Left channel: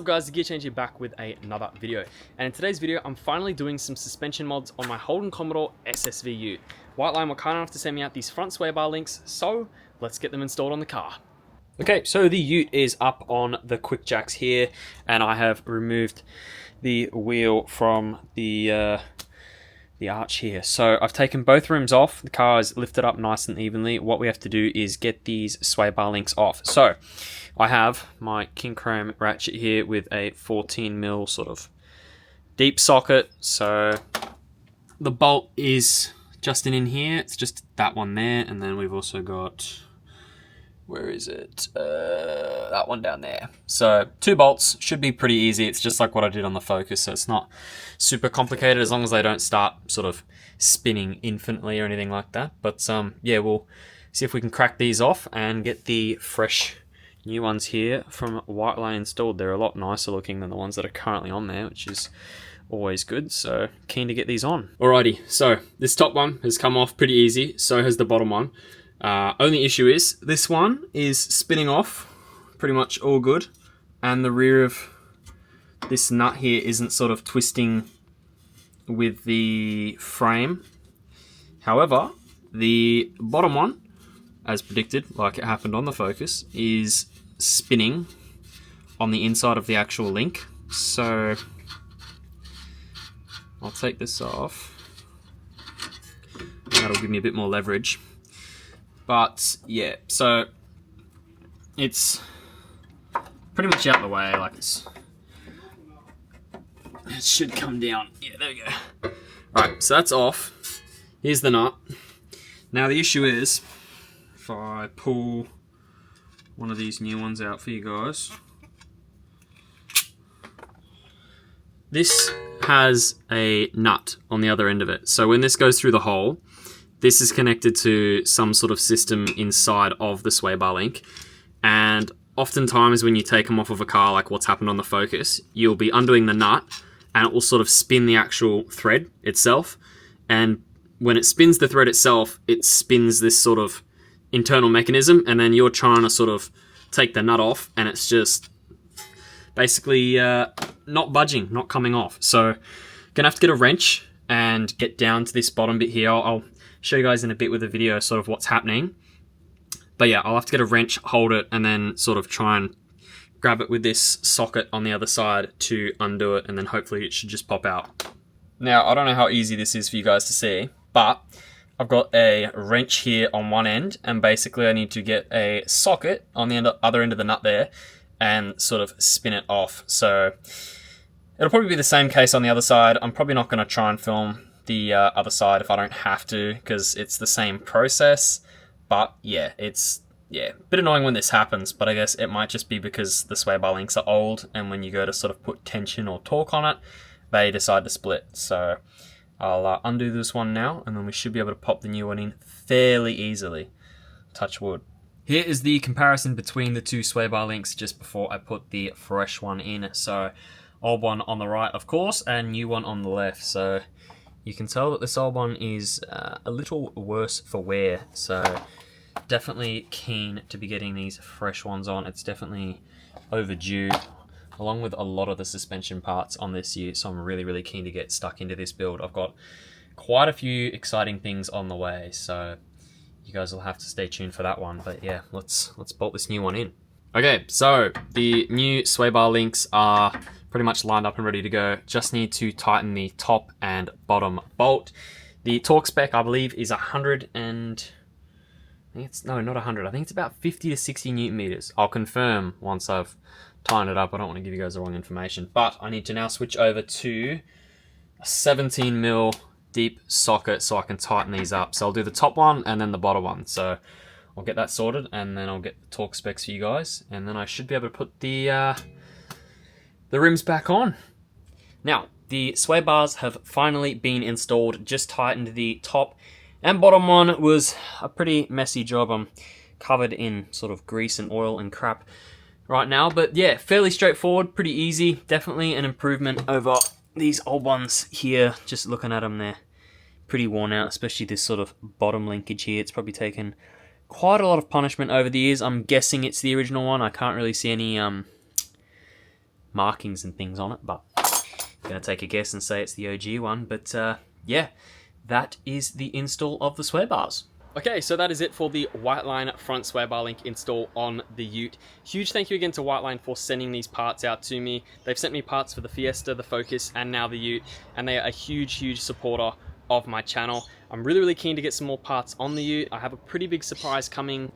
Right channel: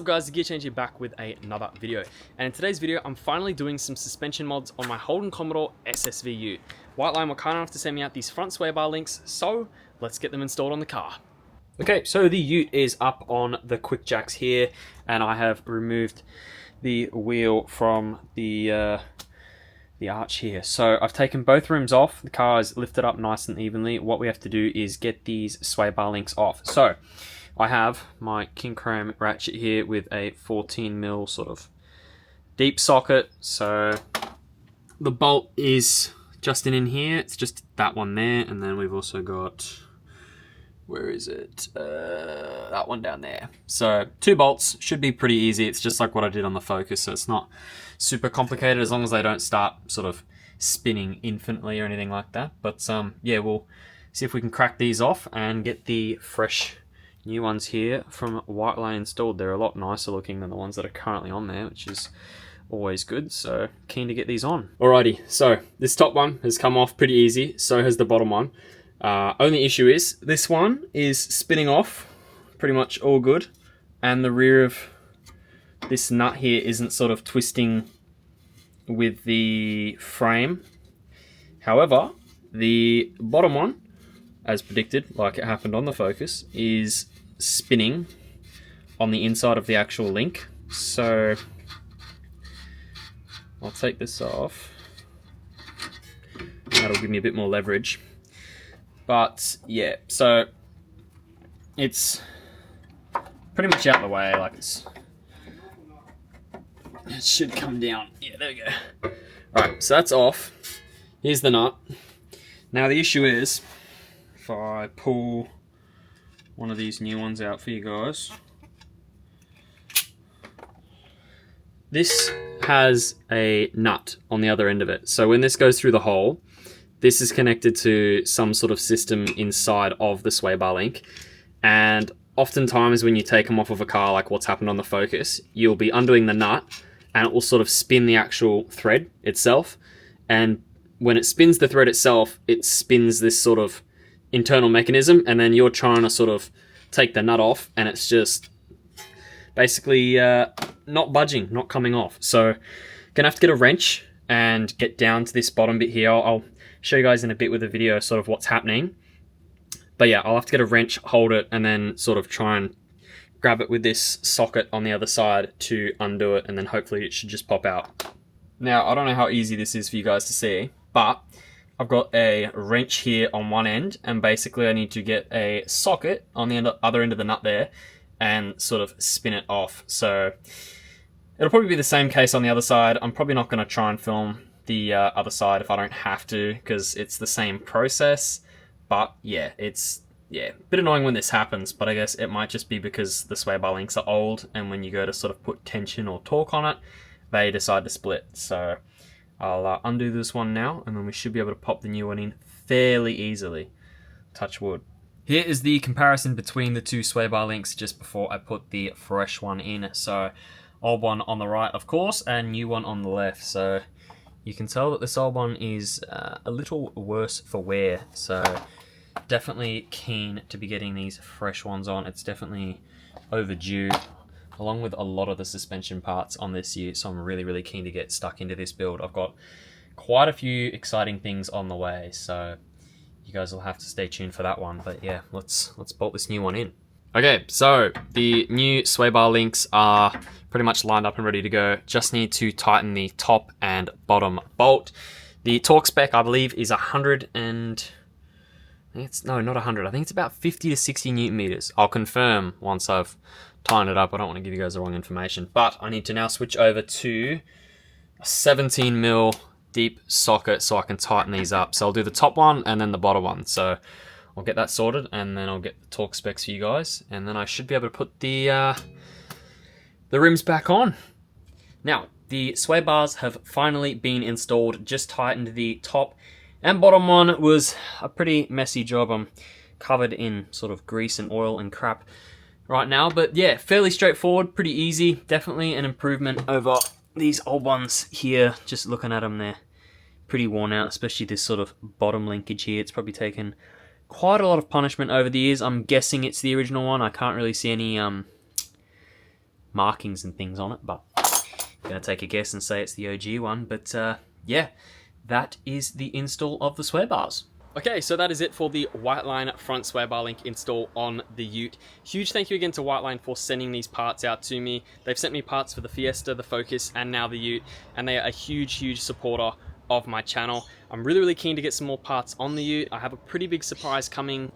up guys, TheGearChange here back with another video. And in today's video, I'm finally doing some suspension mods on my Holden Commodore SSV Ute. Whiteline were kind enough to send me out these front sway bar links, so let's get them installed on the car. Okay, so the Ute is up on the quick jacks here, and I have removed the wheel from the arch here. So I've taken both rims off, the car is lifted up nice and evenly. What we have to do is get these sway bar links off. So I have my king chrome ratchet here with a 14mm sort of deep socket. So the bolt is just in here, it's just that one there, and then we've also got, where is it? That one down there. So 2 bolts, should be pretty easy. It's just like what I did on the Focus, so it's not super complicated as long as they don't start sort of spinning infinitely or anything like that. But yeah, we'll see if we can crack these off and get the fresh new ones here from Whiteline installed. They're a lot nicer looking than the ones that are currently on there, which is always good, so keen to get these on. Alrighty, so this top one has come off pretty easy, so has the bottom one. Only issue is, this one is spinning off pretty much all good, and the rear of this nut here isn't sort of twisting with the frame. However, the bottom one, as predicted, like it happened on the Focus, is spinning on the inside of the actual link. So I'll take this off. That'll give me a bit more leverage. But yeah, so it's pretty much out of the way, like it should come down. Yeah, there we go. Alright, so that's off. Here's the nut. Now the issue is, if I pull one of these new ones out for you guys, this has a nut on the other end of it. So when this goes through the hole, this is connected to some sort of system inside of the sway bar link. And oftentimes when you take them off of a car, like what's happened on the Focus, you'll be undoing the nut and it will sort of spin the actual thread itself. And when it spins the thread itself, it spins this sort of internal mechanism, and then you're trying to sort of take the nut off and it's just basically not budging, not coming off. So gonna have to get a wrench and get down to this bottom bit here. I'll show you guys in a bit with a video sort of what's happening. But yeah, I'll have to get a wrench, hold it, and then sort of try and grab it with this socket on the other side to undo it, and then hopefully it should just pop out. Now, I don't know how easy this is for you guys to see, but I've got a wrench here on one end, and basically I need to get a socket on the other end of the nut there and sort of spin it off. So it'll probably be the same case on the other side. I'm probably not going to try and film the other side if I don't have to, because it's the same process. But yeah, it's a bit annoying when this happens, but I guess it might just be because the sway bar links are old, and when you go to sort of put tension or torque on it, they decide to split. So I'll undo this one now, and then we should be able to pop the new one in fairly easily. Touch wood. Here is the comparison between the two sway bar links just before I put the fresh one in. So old one on the right, of course, and new one on the left. So you can tell that this old one is a little worse for wear. So definitely keen to be getting these fresh ones on. It's definitely overdue, along with a lot of the suspension parts on this Ute, so I'm really keen to get stuck into this build. I've got quite a few exciting things on the way, so you guys will have to stay tuned for that one. But yeah, let's bolt this new one in. Okay, so the new sway bar links are pretty much lined up and ready to go. Just need to tighten the top and bottom bolt. The torque spec, I believe, is 100 and... no, not 100. I think it's about 50 to 60 Newton meters. I'll confirm once I've tightened it up. I don't want to give you guys the wrong information. But I need to now switch over to a 17mm deep socket so I can tighten these up. So I'll do the top one and then the bottom one. So I'll get that sorted, and then I'll get the torque specs for you guys, and then I should be able to put the rims back on. Now, the sway bars have finally been installed. Just tightened the top and bottom one. Was a pretty messy job. I'm covered in sort of grease and oil and crap right now, but yeah, fairly straightforward, pretty easy. Definitely an improvement over these old ones here. Just looking at them, they're pretty worn out, especially this sort of bottom linkage here. It's probably taken quite a lot of punishment over the years. I'm guessing it's the original one. I can't really see any markings and things on it, but I'm gonna take a guess and say it's the OG one. But yeah, that is the install of the sway bars. Okay, so that is it for the Whiteline front sway bar link install on the Ute. Huge thank you again to Whiteline for sending these parts out to me. They've sent me parts for the Fiesta, the Focus, and now the Ute, and they are a huge supporter of my channel. I'm really keen to get some more parts on the Ute. I have a pretty big surprise coming,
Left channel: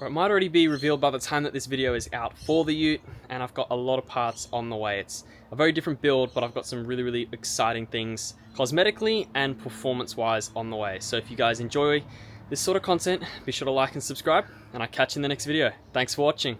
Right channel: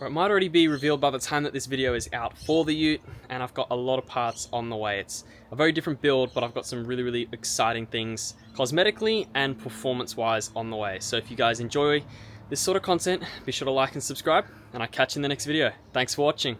or it might already be revealed by the time that this video is out for the Ute, and I've got a lot of parts on the way. It's a very different build, but I've got some really exciting things cosmetically and performance-wise on the way. So if you guys enjoy this sort of content, be sure to like and subscribe, and I'll catch you in the next video. Thanks for watching.